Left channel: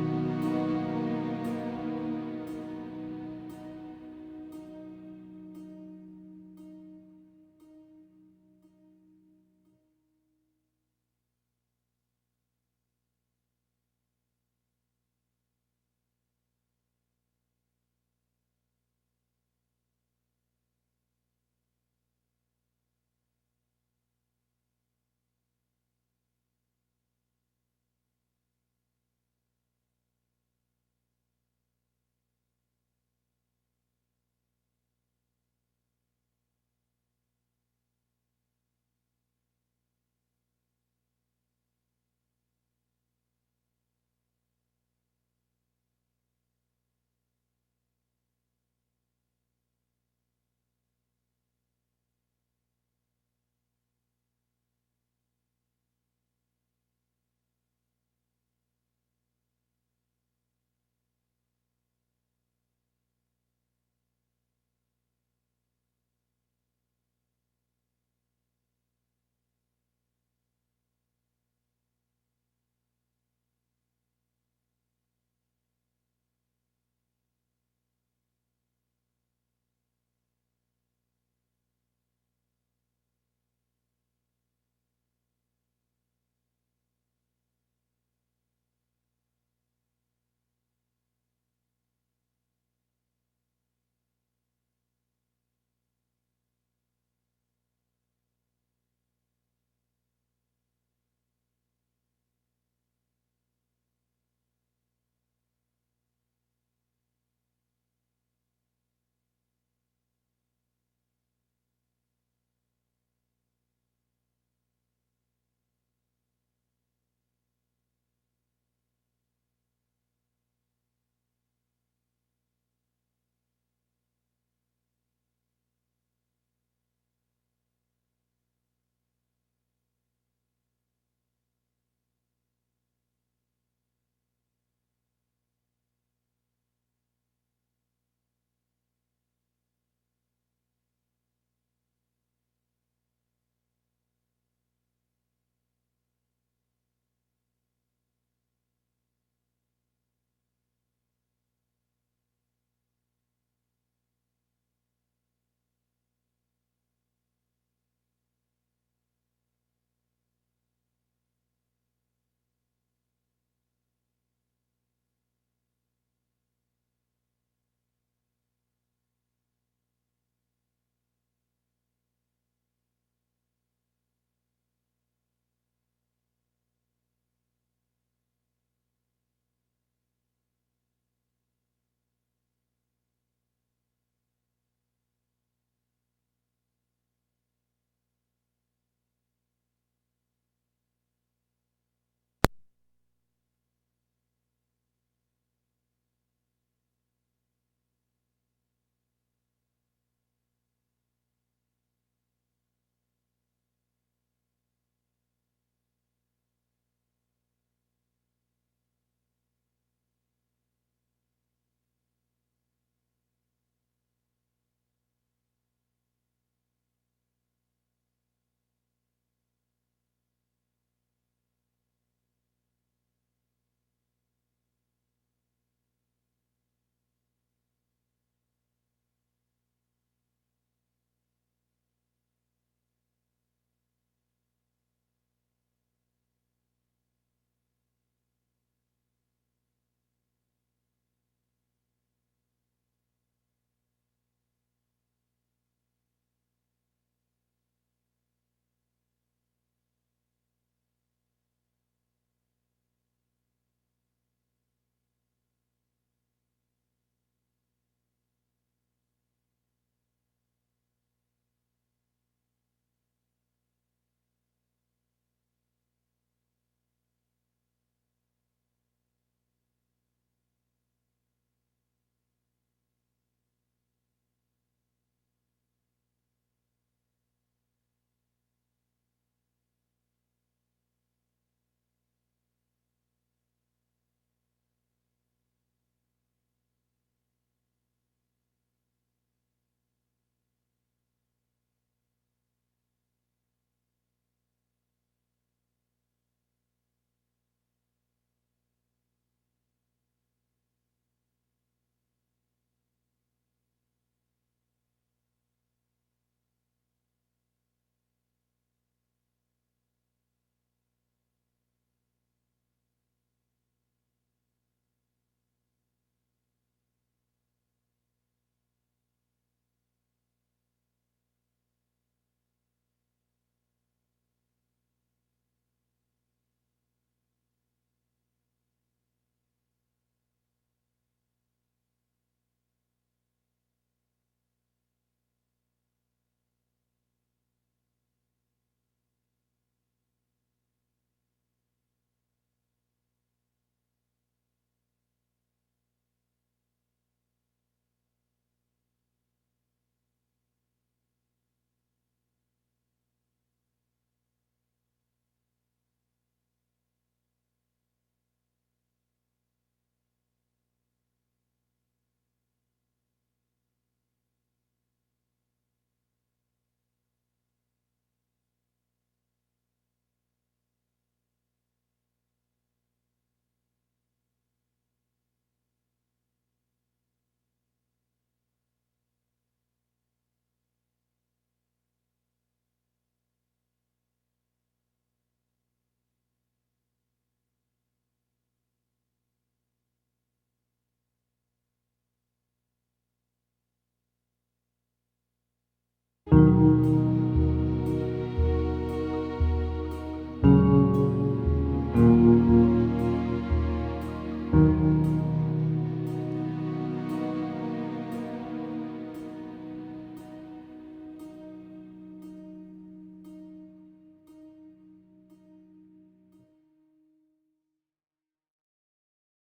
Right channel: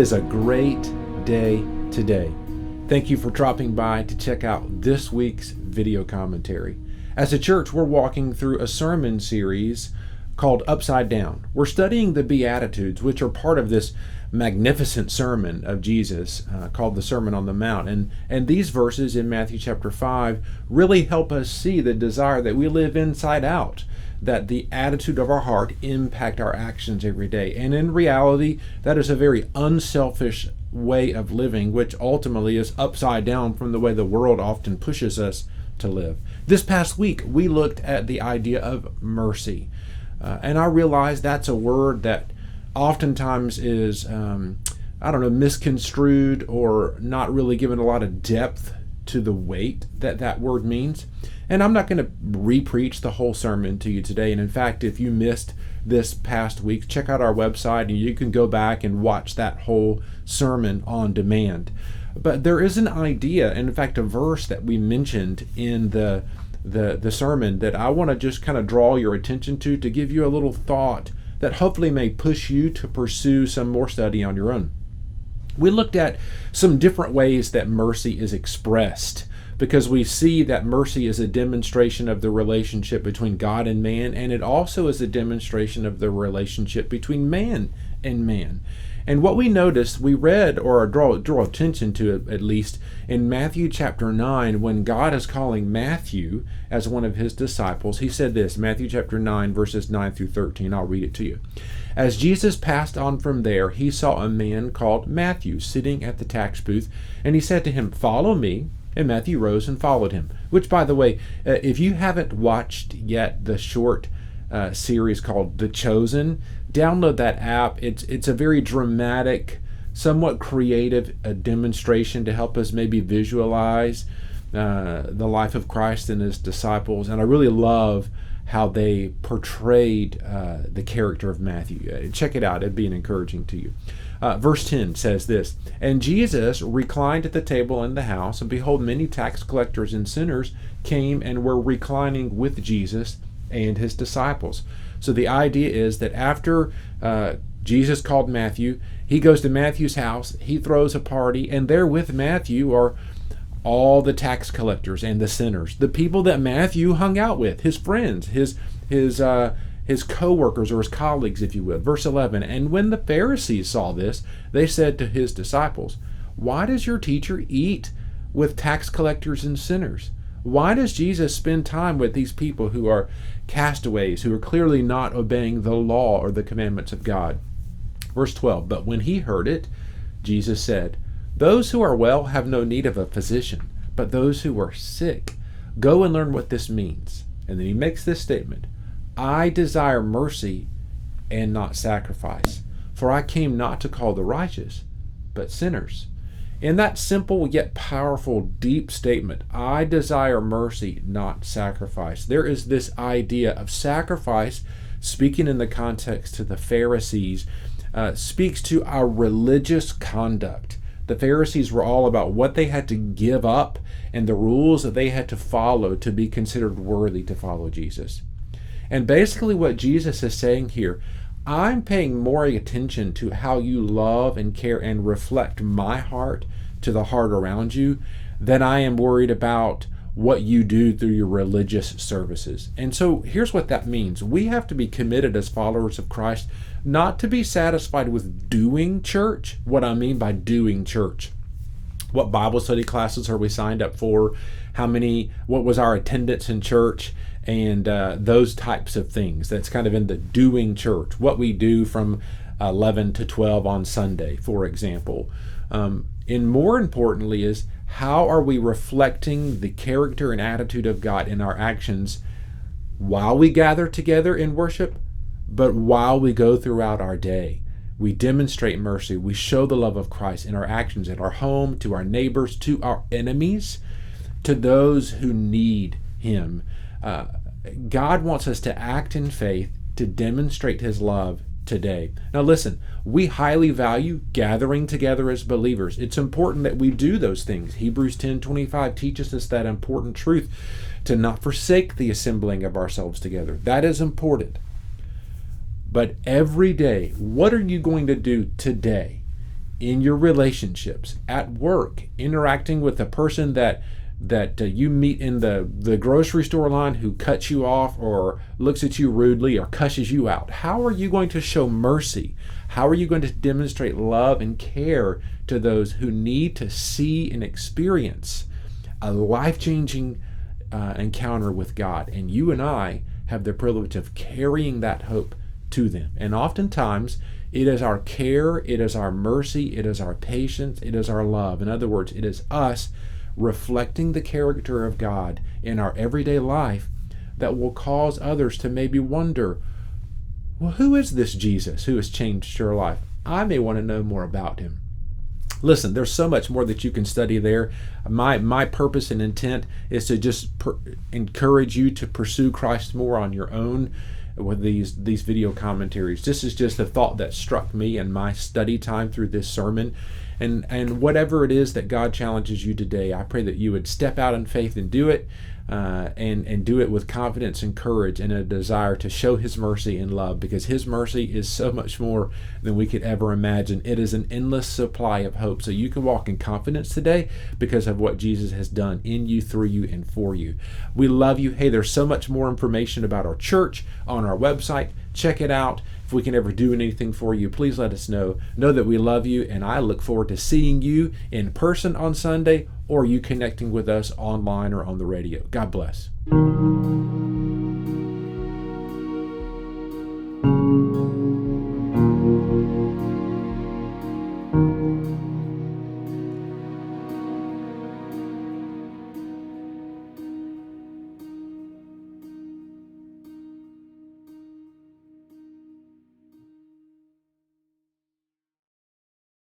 is a great day today. Thank you for dropping by to check out this week's video commentary. As a church, we're walking through a sermon series called Upside Down. We're studying the Beatitudes, which are part of this magnificent sermon of Jesus called the Sermon on the Mount. And these verses in Matthew chapter 5 really help us see the desire that we live inside out, that the attitude of our heart impact our actions every day. And in reality, that is a very unselfish way of living, which ultimately is upside down from the way the world often pushes us to live. This past week, we looked at the idea of mercy. And I realize that's a word that oftentimes is, misconstrued or not really given a lot of depth to the weight that that word means. And I'm not going to re-preach the whole sermon to you today. And in fact, if you missed this past week, check out our website and you can go back and watch that whole sermon on demand. But there is an idea, and in fact, a verse that we mentioned in the sermon that I want to just kind of draw your attention to give you a little thought that hopefully may push you to pursue some more study on your own. We looked at some different ways that mercy is expressed, because we see that mercy is a demonstration of the relationship between God and man, and it also is a demonstration of the relationship between man and man. And what we noticed, we read, or draw attention to it at least, in Matthew chapter 9, when God is calling Matthew as one of his disciples, he said this, Matthew chapter 9, verses 9 through 13. I'll read it to you. As Jesus passed on from there, he saw a man called Matthew sitting at the tax booth, and he said to him, "Follow me." And Matthew rose and followed him. Which, by the way, if you haven't watched yet the short series called The Chosen, download that app. It's a very dramatic, somewhat creative demonstration to help us maybe visualize the life of Christ and his disciples. And I really love how they portrayed the character of Matthew. Check it out. It'd be encouraging to you. Verse 10 says this, "And Jesus reclined at the table in the house, and behold, many tax collectors and sinners came and were reclining with Jesus and his disciples." So the idea is that after Jesus called Matthew, he goes to Matthew's house, he throws a party, and there with Matthew are all the tax collectors and the sinners, the people that Matthew hung out with, his friends, his co-workers or his colleagues, if you will. Verse 11, "And when the Pharisees saw this, they said to his disciples, 'Why does your teacher eat with tax collectors and sinners?'" Why does Jesus spend time with these people who are castaways, who are clearly not obeying the law or the commandments of God? Verse 12, "But when he heard it, Jesus said, 'Those who are well have no need of a physician, but those who are sick. Go and learn what this means.'" And then he makes this statement, "I desire mercy and not sacrifice, for I came not to call the righteous, but sinners." In that simple yet powerful, deep statement, I desire mercy, not sacrifice, there is this idea of sacrifice, speaking in the context to the Pharisees, speaks to our religious conduct. The Pharisees were all about what they had to give up and the rules that they had to follow to be considered worthy to follow Jesus. And basically what Jesus is saying here, I'm paying more attention to how you love and care and reflect my heart to the heart around you than I am worried about what you do through your religious services. And so here's what that means. We have to be committed as followers of Christ not to be satisfied with doing church. What I mean by doing church, what Bible study classes are we signed up for? What was our attendance in church? And those types of things. That's kind of in the doing church. What we do from 11 to 12 on Sunday, for example. And more importantly is, how are we reflecting the character and attitude of God in our actions while we gather together in worship, but while we go throughout our day? We demonstrate mercy. We show the love of Christ in our actions, in our home, to our neighbors, to our enemies, to those who need him. God wants us to act in faith to demonstrate his love today. Now listen, we highly value gathering together as believers. It's important that we do those things. Hebrews 10:25 teaches us that important truth, to not forsake the assembling of ourselves together. That is important. But every day, what are you going to do today in your relationships, at work, interacting with the person that you meet in the grocery store line who cuts you off or looks at you rudely or cusses you out? How are you going to show mercy? How are you going to demonstrate love and care to those who need to see and experience a life-changing encounter with God? And you and I have the privilege of carrying that hope to them. And oftentimes, it is our care, it is our mercy, it is our patience, it is our love. In other words, it is us reflecting the character of God in our everyday life that will cause others to maybe wonder, well, who is this Jesus who has changed your life? I may want to know more about him. Listen, there's so much more that you can study there. My purpose and intent is to just encourage you to pursue Christ more on your own with these video commentaries. This is just a thought that struck me in my study time through this sermon. And whatever it is that God challenges you today, I pray that you would step out in faith and do it, and do it with confidence and courage and a desire to show his mercy and love, because his mercy is so much more than we could ever imagine. It is an endless supply of hope. So you can walk in confidence today because of what Jesus has done in you, through you, and for you. We love you. Hey, there's so much more information about our church on our website. Check it out. If we can ever do anything for you, please let us know. Know that we love you, and I look forward to seeing you in person on Sunday, or you connecting with us online or on the radio. God bless.